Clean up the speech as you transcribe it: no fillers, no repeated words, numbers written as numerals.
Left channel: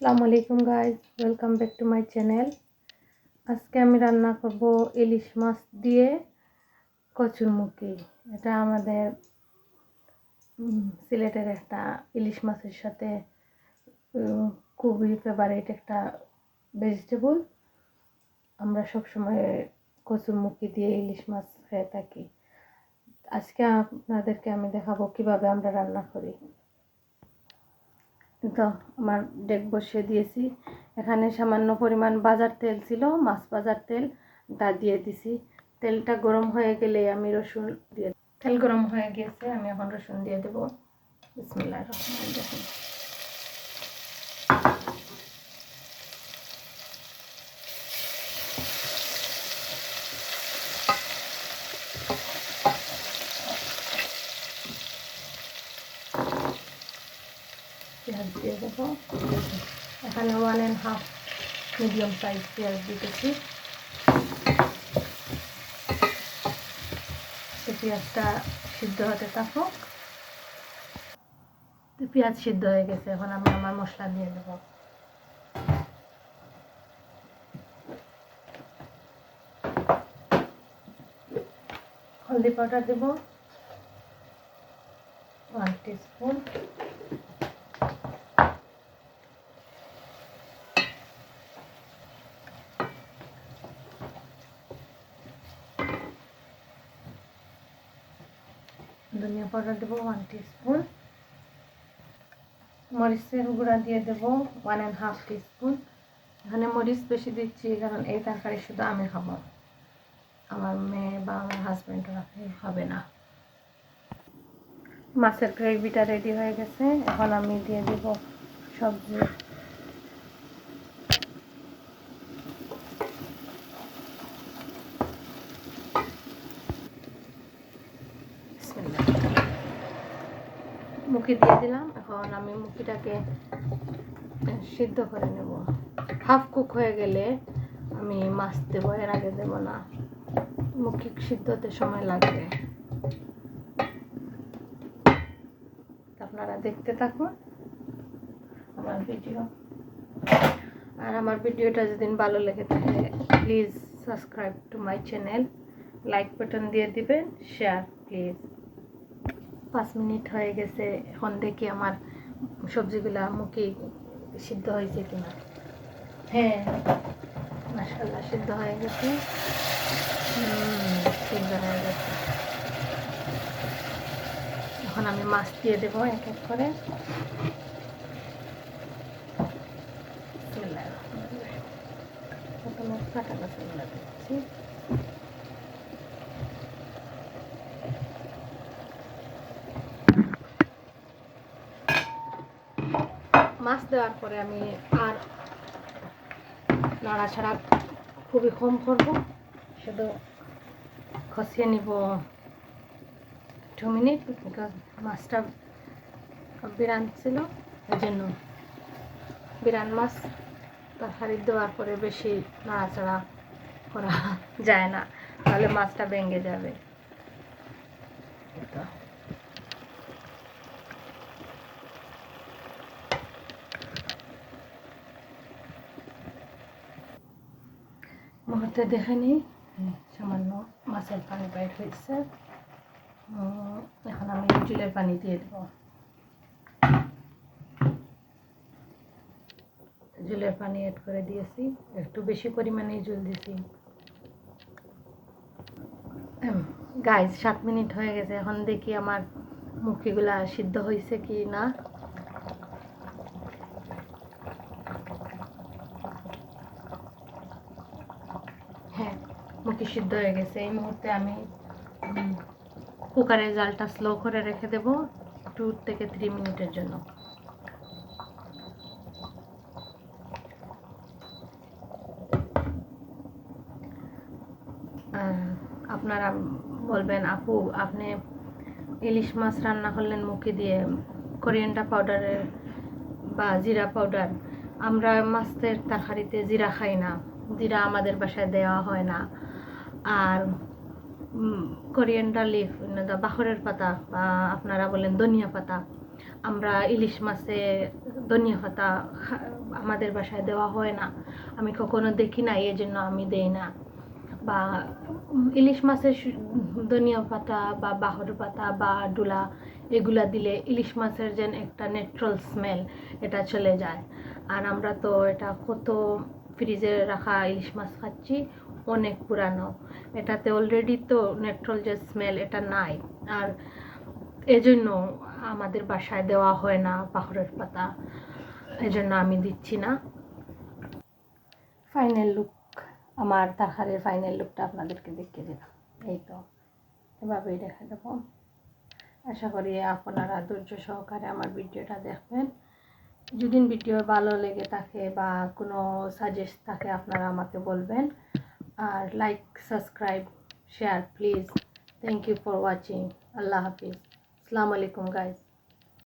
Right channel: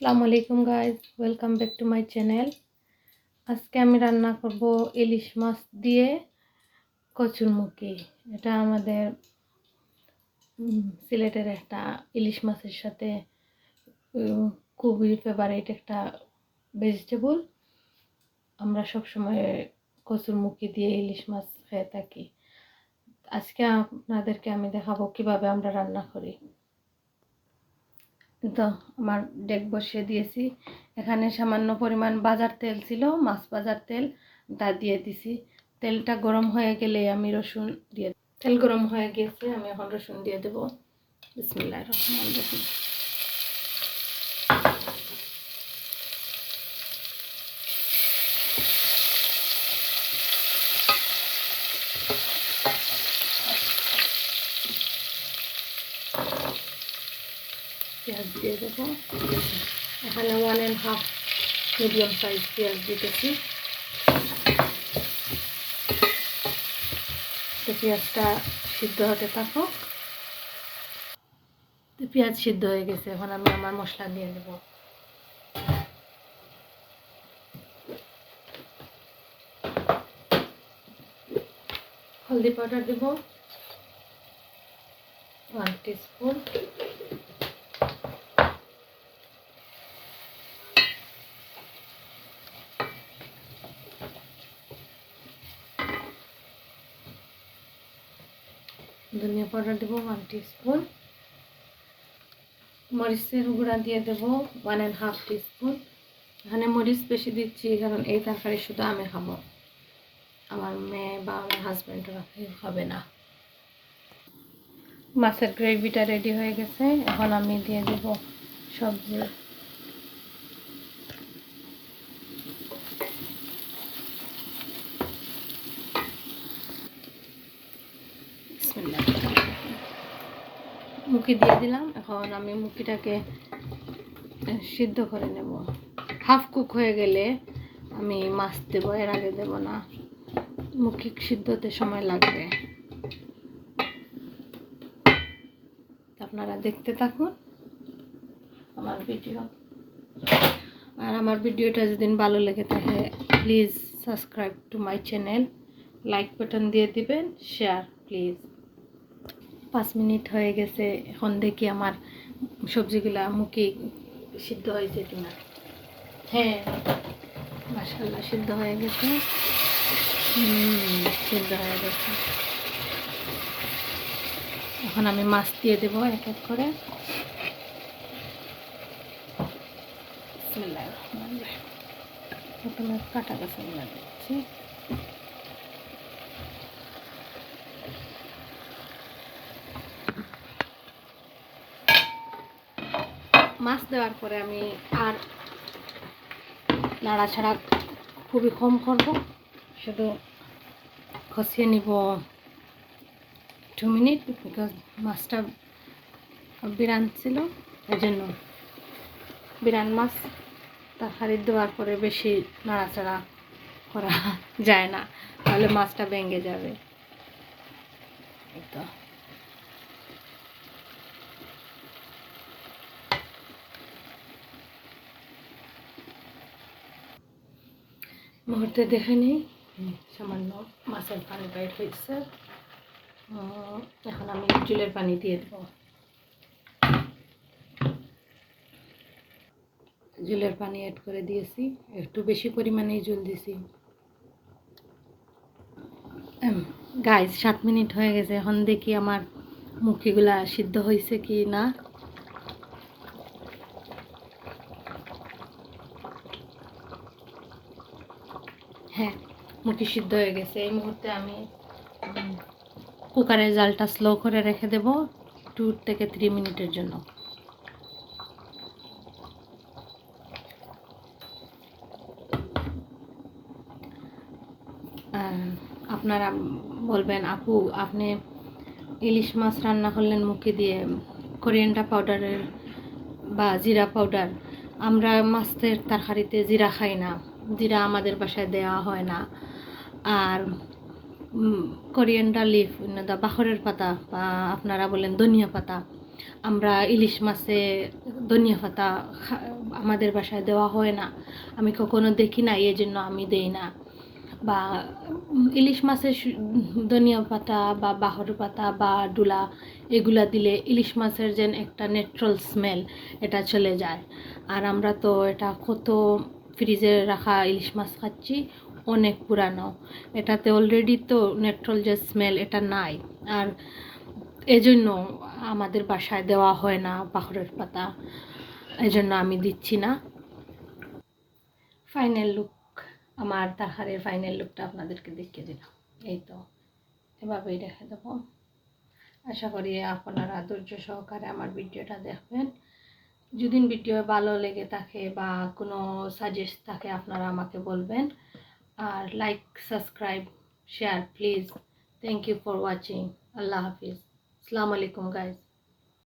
আসসালামু আলাইকুম guys, welcome back to my channel. আজকে আমি রান্না করব ইলিশ মাছ দিয়ে কচুরমুখী। এটা আমাদের সিলেটের একটা ইলিশ মাছের সাথে খুবই ফেভারিট একটা ভেজিটেবল। আমরা সবসময় কচুরমুখী দিয়ে ইলিশ মাছ খেয়ে থাকি। আজকে আপনাদেরকে আমি দেখাবো কিভাবে আমরা রান্না করি। তো আমার ডেক বসিয়ে দিয়েছি। এখানে সামান্য পরিমাণ বাজার তেল ছিল, মাছ বাজার তেল, তা দিয়ে দিছি। তেলটা গরম হয়ে গেলে আমি রসুন দিয়ে, তেল গরম হয়ে গিয়েছে, আমি এখন রসুন দিয়ে দেবো। বিসমিল্লাহির রহমানির রহিম। পেঁয়াজ দিয়ে দেবো। এখানে 1.5 মিডিয়াম সাইজ পেঁয়াজ দিতেছি। পেঁয়াজটা সিদ্ধ হতে থাকো। পেঁয়াজ সিদ্ধ হয়ে গেছে, এখন আমি আমার মশলা দিয়ে দেবো। হলদি পাউডার দেব 1 টিস্পুন, ধনিয়া পাউডার দেবো 1 টিস্পুন, মরিচের গুঁড়া দিয়ে দেবো 1.5 টিস্পুন। এখানে মরিচ বেশি দিচ্ছি কারণ এই তরকারি শুধু আমি খাবো, আমার মেয়ে বা আমার হাজব্যান্ডরা খাবে না। মাছের গ্রেভিটা রেডি হয়ে গেছে, এখন আমি দিয়ে দেব সবজি। মুখি দিয়ে দিলাম। এখন আমি মুখিটাকে সিদ্ধ করে নেব। হাফ কুক হয়ে গেলে আমি মাছ দেবো, এর আগে দেব না। মুখি সিদ্ধ হতে সময় লাগবে, আপনারা দেখতে থাকুন আমার ভিডিও। আর আমার ভিডিওটা যদি ভালো লেগে থাকে please subscribe to my channel, like button দিয়ে দিবেন, শেয়ার প্লিজ। 5 মিনিট হয়ে গেছে, এখন দেখি আমার সবজিগুলা মুখে সিদ্ধ হয়েছে কিনা। হ্যাঁ, মাশাআল্লাহ সিদ্ধ হয়ে গেছে। সিদ্ধ হয়ে গেছে। এখন আমি মাছ দিয়ে দেবো এক এক করে। প্রথমে কাটা কাঁচাগুলো দিচ্ছি। মাছ দেওয়ার পরে আমি আর নাড়াছাড়া খুবই কম করব, শুধু কষিয়ে নিব 2 মিনিট, বিকজ মাছটা বিরান ছিল, এই জন্য বিরান মাছ তরকারি দেওয়ার পরে বেশি নাড়াচাড়া করা যায় না, তাহলে মাছটা ভেঙে যাবে। তো মুহূর্তে দেখে নিই, সামান্য মাছের পানি টাইট হয়েছে। এখন আমি জলের পানি দিয়ে দেব। জলের পানি অ্যাড করে দিয়েছি, একটু বেশি পরিমাণেই জল দিয়েছি। গাইস 7 মিনিট হয়ে গেছে, এখন দেখি আমার মুখিগুলা সিদ্ধ হয়েছে কি না। হ্যাঁ, মুখি সিদ্ধ হয়ে গেছে। এই মুহূর্তে আমি কুকারের জালটা স্লো করে রেখে দেব 2 থেকে 3 মিনিটের জন্য। আপনারা বলবেন আপু আপনি ইলিশ মাছ রান্না করলেন মুখি দিয়ে কোরিয়ান্ডার পাউডারের বা জিরা পাউডার। আমরা মাছের তরকারিতে জিরা খাই না, জিরা আমাদের বাসায় দেওয়া হয় না। আর কোরিয়ান্ডার লিফ, বাখরের পাতা বা আপনারা বলেন ধনিয়া পাতা, আমরা ইলিশ মাছে ধনিয়া পাতা আমাদের বাসায় দেওয়া হয় না, আমি কখনো দেখি না, এই জন্য আমি দেই না। বা ইলিশ মাছের ধনিয়া পাতা বা বাহর পাতা বা ডুলা এগুলা দিলে ইলিশ মাছের যেন একটা ন্যাচারাল স্মেল এটা চলে যায়। আর আমরা তো এটা কত ফ্রিজে রাখা ইলিশ মাছ খাচ্ছি, অনেক পুরানো, এটাতে অলরেডি তো ন্যাচারাল যে স্মেল এটা নাই। আর এজন্য আমাদের বাসায় দেওয়া হয় না বাহরের পাতা, এজন্য আমি দিচ্ছি না। ফাইনাল লুক, আমার তরকারির ফাইনাল লুকটা আপনাদেরকে দেখিয়ে দিলাম। এই তো এভাবেই রেখে দেবো। আশা করি আপনারা ধৈর্য সহকারে আমার ভিডিওটা দেখবেন। যদি ভিডিও ভালো লেগে থাকে বা কোনো সাজেস্ট থাকে আপনারা আমাকে বলবেন। আর like, subscribe, share please. Thank you for watching. আল্লাহ হাফিজ। আসসালামু আলাইকুম গাইজ।